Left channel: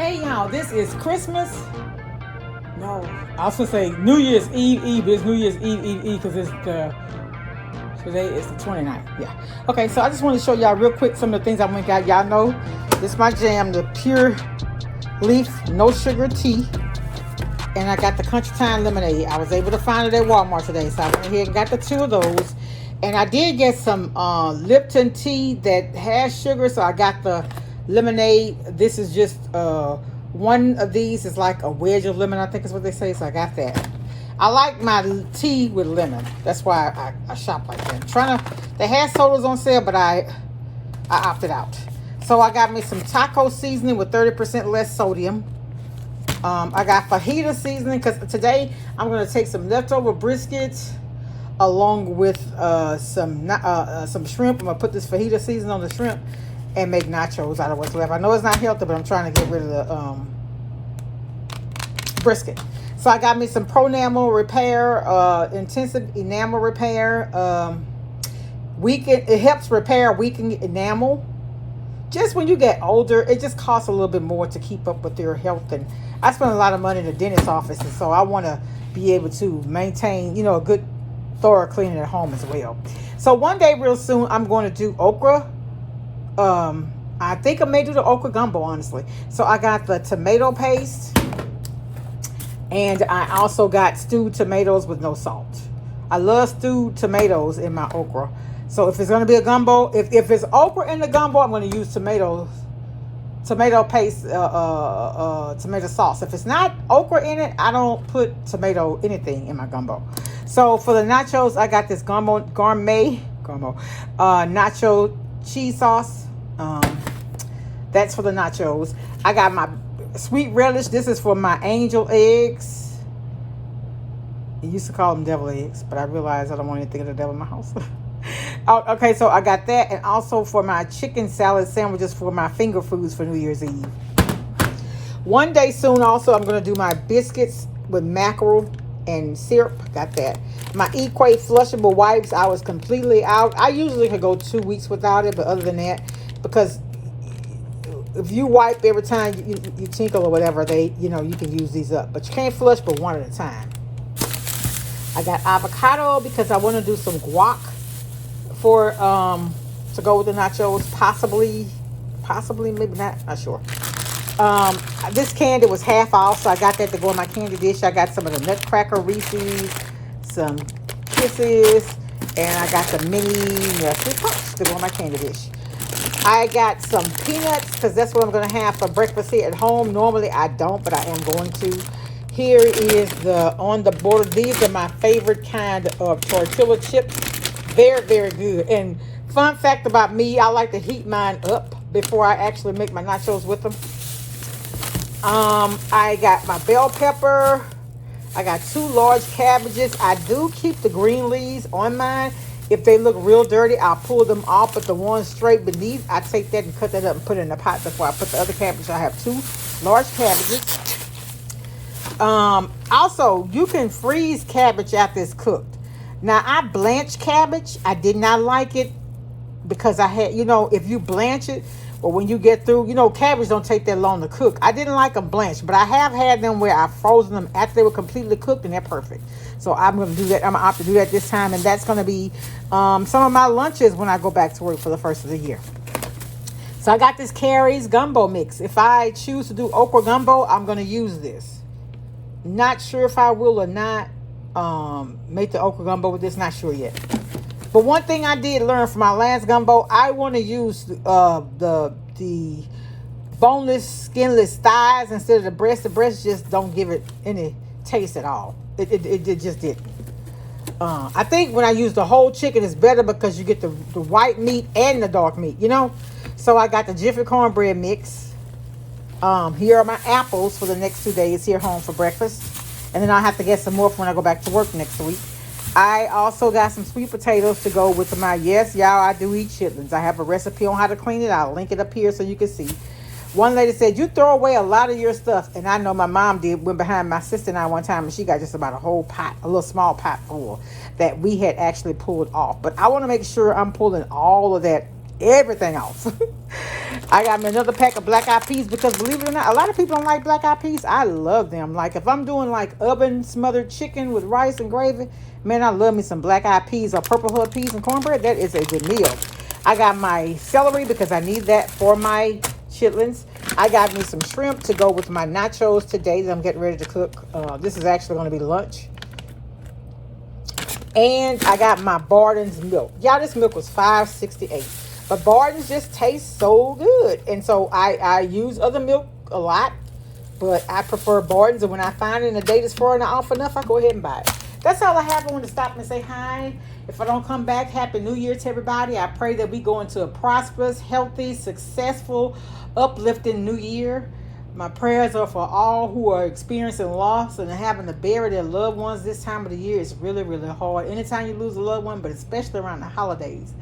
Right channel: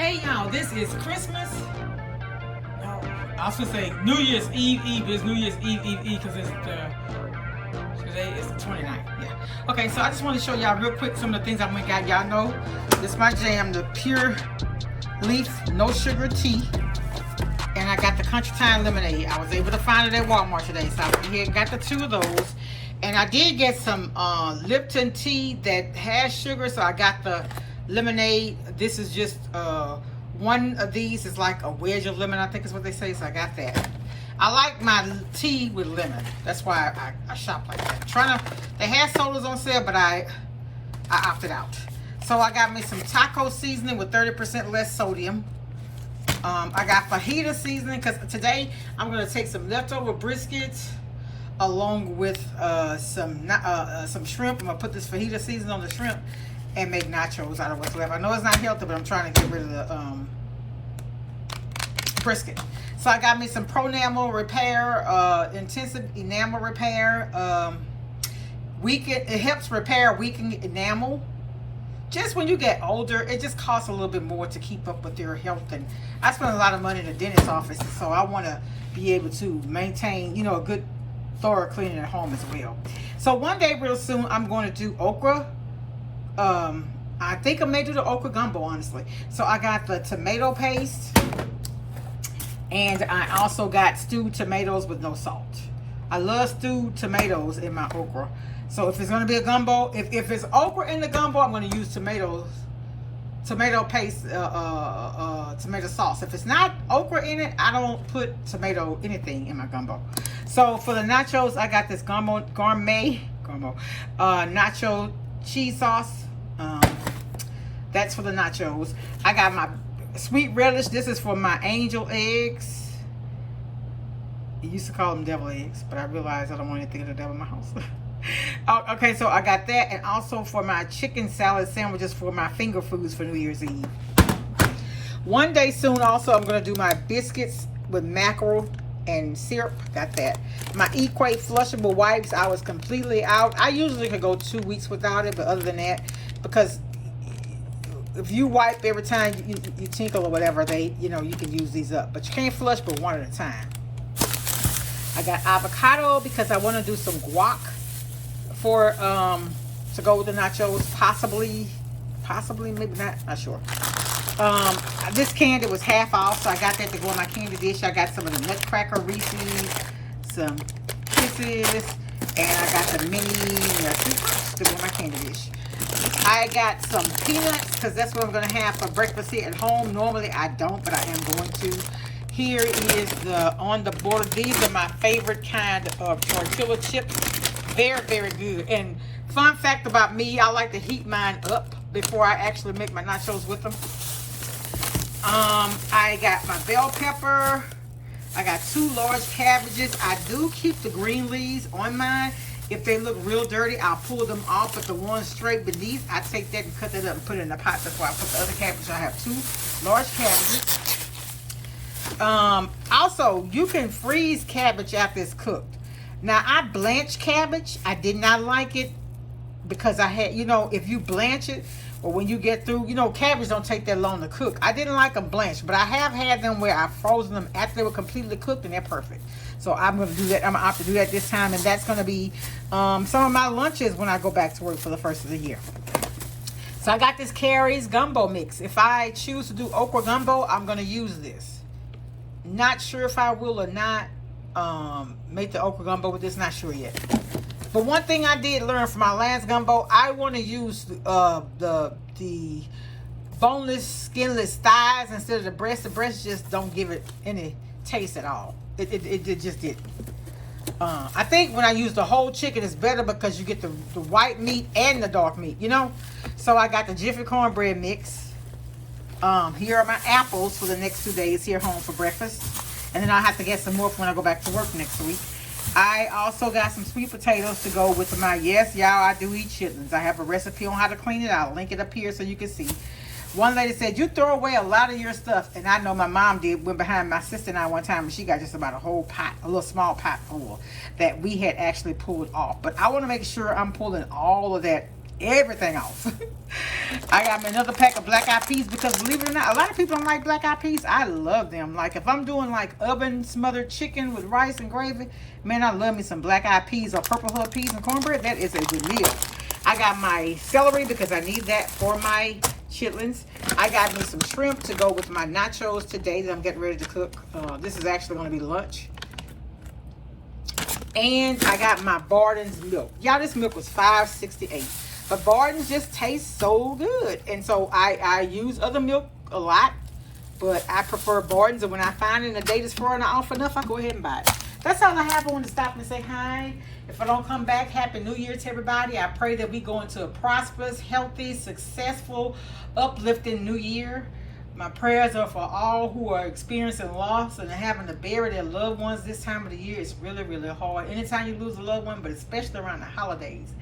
Hey y'all, this is Christmas. No, I was gonna say New Year's Eve. It's New Year's Eve because today is the 29th. Yeah. Okay, so I just want to show y'all real quick some of the things I went and got. Y'all know this is my jam, the pure leaf, no sugar tea. And I got the Country Time lemonade. I was able to find it at Walmart today, so I went ahead and got the two of those. And I did get some Lipton tea that has sugar, so I got the lemonade. This is just one of these is like a wedge of lemon, I think is what they say, so I got that. I like my tea with lemon. That's why I shop like that. They had sodas on sale, but I opted out. So I got me some taco seasoning with 30% less sodium. I got fajita seasoning because today I'm going to take some leftover briskets along with some shrimp. I'm going to put this fajita seasoning on the shrimp and make nachos out of what's left. I know it's not healthy, but I'm trying to get rid of the brisket. So I got me some Pro Enamel Repair, Intensive Enamel Repair. It helps repair weakened enamel. Just when you get older, it just costs a little bit more to keep up with your health. And I spend a lot of money in the dentist's office, and so I want to be able to maintain, a good thorough cleaning at home as well. So one day real soon, I'm going to do okra. I think I may do the okra gumbo, honestly. So I got the tomato paste, and I also got stewed tomatoes with no salt. I love stewed tomatoes in my okra. So if it's going to be a gumbo, if it's okra in the gumbo, I'm going to use tomato paste, tomato sauce. If it's not okra in it, I don't put anything in my gumbo. So for the nachos, I got this gourmet nacho cheese sauce. That's for the nachos. I got my sweet relish. This is for my angel eggs. You used to call them devil eggs, but I realized I don't want anything of the devil in my house. Okay, so I got that, and also for my chicken salad sandwiches for my finger foods for New Year's Eve. One day soon, also, I'm going to do my biscuits with mackerel and syrup. Got that. My Equate flushable wipes, I was completely out. I usually could go 2 weeks without it, but other than that, because if you wipe every time you tinkle or whatever, you can use these up. But you can't flush but one at a time. I got avocado because I want to do some guac for to go with the nachos, possibly, maybe not sure. This candy was half off, so I got that to go in my candy dish. I got some of the Nutcracker Reese's, some Kisses, and I got the mini Nutty Pops to go in my candy dish. I got some peanuts because that's what I'm going to have for breakfast here at home. Normally I don't, but I am going to. Here is the on the border. These are my favorite kind of tortilla chips. Very, very good. And fun fact about me, I like to heat mine up before I actually make my nachos with them. I got my bell pepper. I got 2 large cabbages. I do keep the green leaves on mine. If they look real dirty, I'll pull them off. But the ones straight beneath, I take that and cut that up and put it in the pot before I put the other cabbage. I have 2 large cabbages. Also, you can freeze cabbage after it's cooked. Now, I blanched cabbage. I did not like it because I had, if you blanch it or when you get through, cabbage don't take that long to cook. I didn't like them blanched, but I have had them where I've frozen them after they were completely cooked, and they're perfect. So I'm going to do that. I'm going to opt to do that this time, and that's going to be some of my lunches when I go back to work for the first of the year. So I got this Carrie's gumbo mix. If I choose to do okra gumbo, I'm going to use this. Not sure if I will or not make the okra gumbo with this. Not sure yet. But one thing I did learn from my last gumbo, I want to use the boneless, skinless thighs instead of the breast. The breast just don't give it any taste at all. It just didn't. I think when I use the whole chicken, it's better because you get the white meat and the dark meat, So I got the Jiffy cornbread mix. Here are my apples for the next 2 days here home for breakfast. And then I'll have to get some more when I go back to work next week. I also got some sweet potatoes to go with my, yes, y'all, I do eat chitlins. I have a recipe on how to clean it. I'll link it up here so you can see. One lady said, you throw away a lot of your stuff. And I know my mom went behind my sister and I one time, and she got just about a whole pot, a little small pot full that we had actually pulled off. But I want to make sure I'm pulling all of that everything off. I got me another pack of black eyed peas because believe it or not, a lot of people don't like black eyed peas. I love them. Like if I'm doing like oven smothered chicken with rice and gravy, man, I love me some black eyed peas or purple hull peas and cornbread. That is a good meal. I got my celery because I need that for my chitlins. I got me some shrimp to go with my nachos today that I'm getting ready to cook. This is actually going to be lunch. And I got my Barden's milk. Y'all, this milk was $5.68. But Barden's just tastes so good. And so I use other milk a lot. But I prefer Barden's. And when I find it and the date is far off enough, I go ahead and buy it. That's all I have. I want to stop and say hi. If I don't come back, Happy New Year to everybody. I pray that we go into a prosperous, healthy, successful, uplifting new year. My prayers are for all who are experiencing loss and having to bury their loved ones this time of the year. It's really, really hard. Anytime you lose a loved one, but especially around the holidays.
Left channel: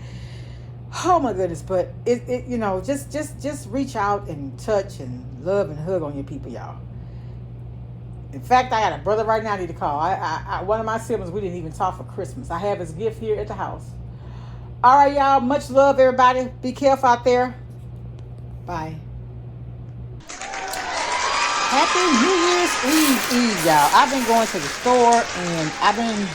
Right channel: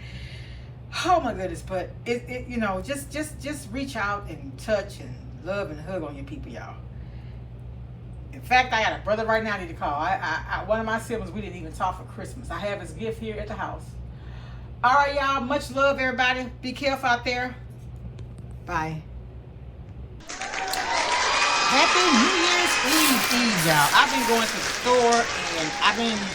Oh my goodness. But you know, just reach out and touch and love and hug on your people, y'all. In fact, I got a brother right now I need to call. One of my siblings, we didn't even talk for Christmas. I have his gift here at the house. All right, y'all. Much love, everybody. Be careful out there. Bye. Happy New Year's Eve, y'all. I've been going to the store and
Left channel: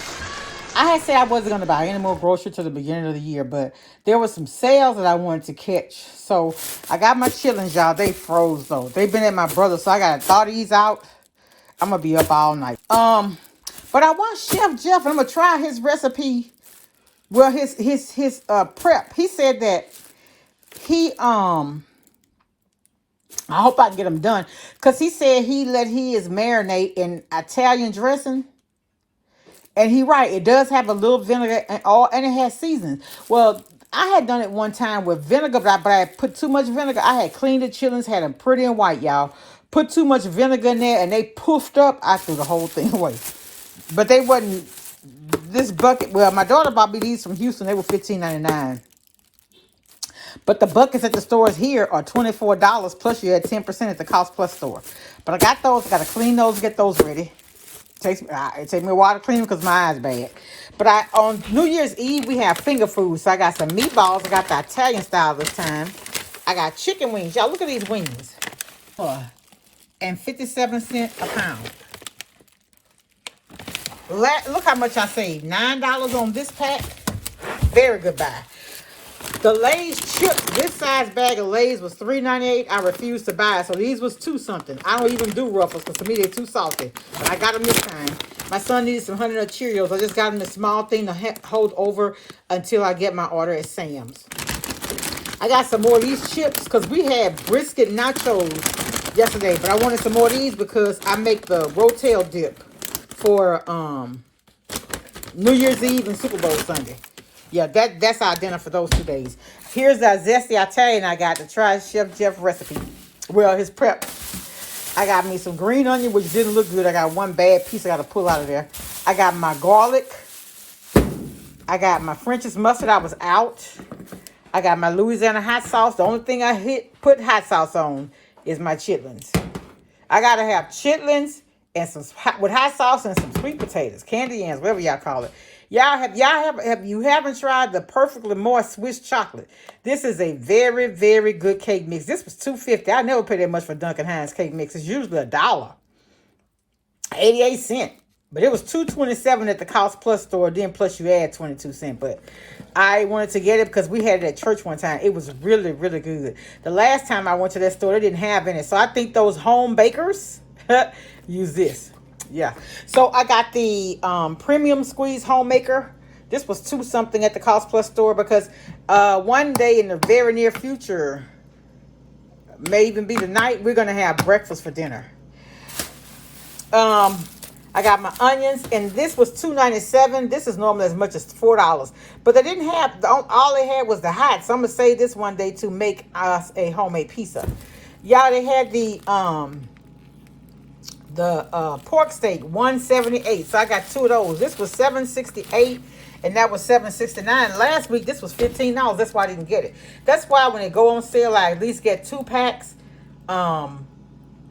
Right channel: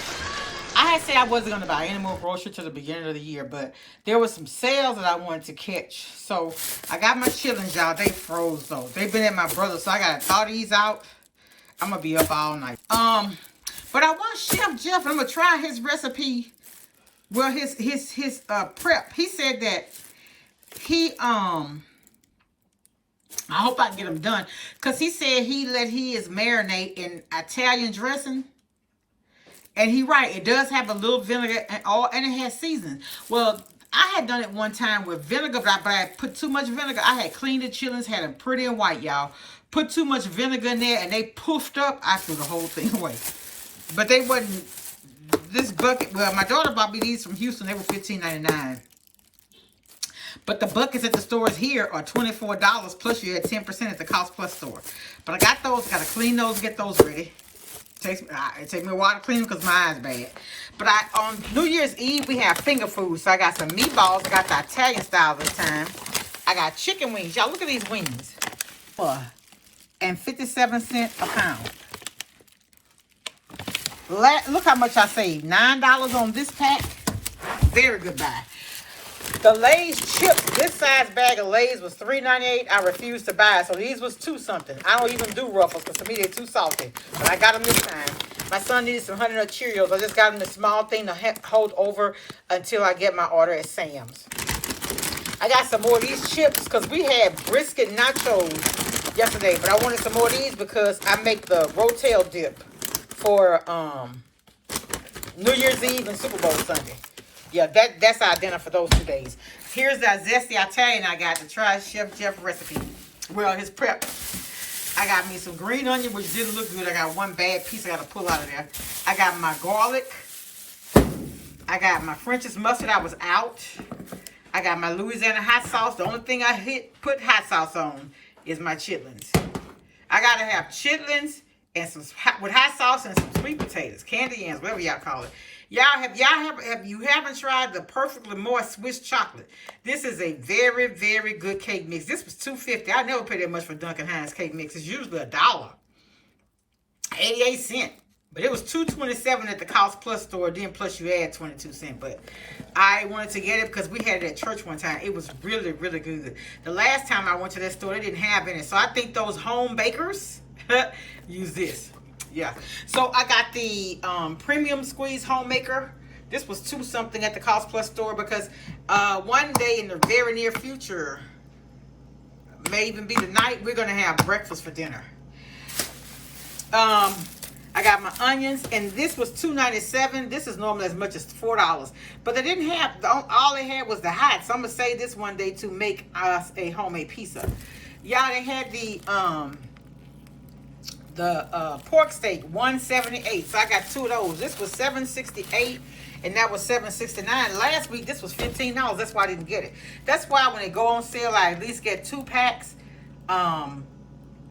I had said I wasn't going to buy any more groceries till the beginning of the year, but there were some sales that I wanted to catch. So I got my chitlins, y'all. They froze though. They've been at my brother's, so I got to thaw these out. I'm going to be up all night. But I want Chef Jeff, I'm going to try his recipe. Well, his prep. He said that I hope I can get them done. Because he said he let his marinate in Italian dressing. And he right. It does have a little vinegar and it has seasonings. Well, I had done it one time with vinegar, but I put too much vinegar. I had cleaned the chitlins, had them pretty and white, y'all. Put too much vinegar in there and they poofed up. I threw the whole thing away. But they wasn't this bucket. Well, my daughter bought me these from Houston. They were $15.99. But the buckets at the stores here are $24 plus you had 10% at the Cost Plus store. But I got those. Got to clean those, get those ready. It takes me a while to clean them because my eye's bad. But on New Year's Eve, we have finger food. So I got some meatballs. I got the Italian style this time. I got chicken wings. Y'all, look at these wings. And 57 cents a pound. Look how much I saved. $9 on this pack. Very good buy. The Lay's chips, this size bag of Lay's was $3.98. I refused to buy it. So these was $2 something. I don't even do Ruffles because to me they're too salty. But I got them this time. My son needed some Honey Nut Cheerios. I just got him a small thing to hold over until I get my order at Sam's. I got some more of these chips because we had brisket nachos yesterday. But I wanted some more of these because I make the Rotel dip for New Year's Eve and Super Bowl Sunday. Yeah, that's our dinner for those 2 days. Here's our zesty Italian I got to try Chef Jeff recipe. Well, his prep. I got me some green onion, which didn't look good. I got one bad piece I got to pull out of there. I got my garlic. I got my French's mustard. I was out. I got my Louisiana hot sauce. The only thing I put hot sauce on is my chitlins. I got to have chitlins and with hot sauce and some sweet potatoes, candy yams, whatever y'all call it. If you haven't tried the Perfectly Moist Swiss chocolate, this is a very, very good cake mix. This was $2.50. I never pay that much for Duncan Hines cake mix. It's usually $1, 88 cents. But it was $2.27 at the Cost Plus store. Then plus you add 22 cents. But I wanted to get it because we had it at church one time. It was really, really good. The last time I went to that store, they didn't have any. So I think those home bakers use this. Yeah, so I got the premium squeeze homemaker. This was $2 something at the Cost Plus store because one day in the very near future, may even be tonight, we're gonna have breakfast for dinner. I got my onions, and this was $2.97. This is normally as much as $4, but they didn't have all they had was the hot. So I'm gonna save this one day to make us a homemade pizza. Yeah, they had the pork steak, $178. So I got 2 of those. This was $7.68 and that was $7.69. Last week this was $15. That's why I didn't get it. That's why when they go on sale, I at least get 2 packs.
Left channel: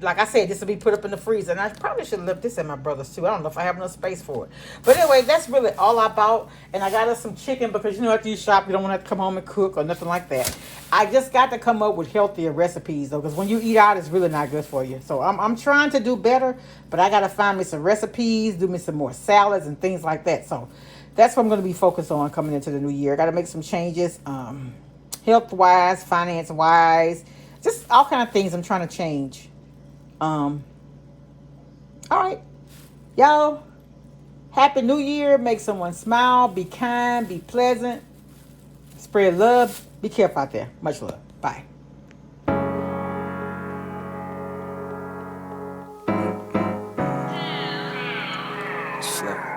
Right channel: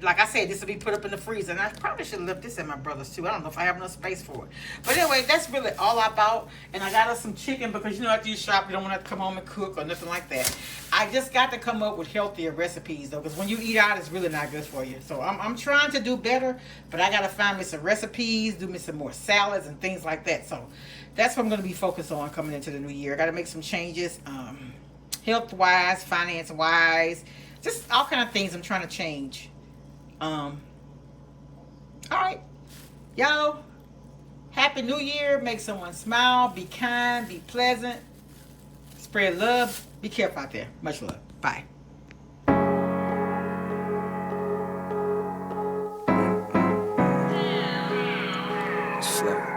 like I said, this will be put up in the freezer. And I probably should have left this at my brother's too. I don't know if I have enough space for it. But anyway, that's really all I bought. And I got us some chicken because, you know, after you shop, you don't want to come home and cook or nothing like that. I just got to come up with healthier recipes, though, because when you eat out, it's really not good for you. So I'm trying to do better, but I got to find me some recipes, do me some more salads and things like that. So that's what I'm going to be focused on coming into the new year. I got to make some changes, health-wise, finance-wise, just all kind of things I'm trying to change. All right, y'all, happy new year. Make someone smile, be kind, be pleasant, spread love, be careful out there. Much love. Bye. Slow.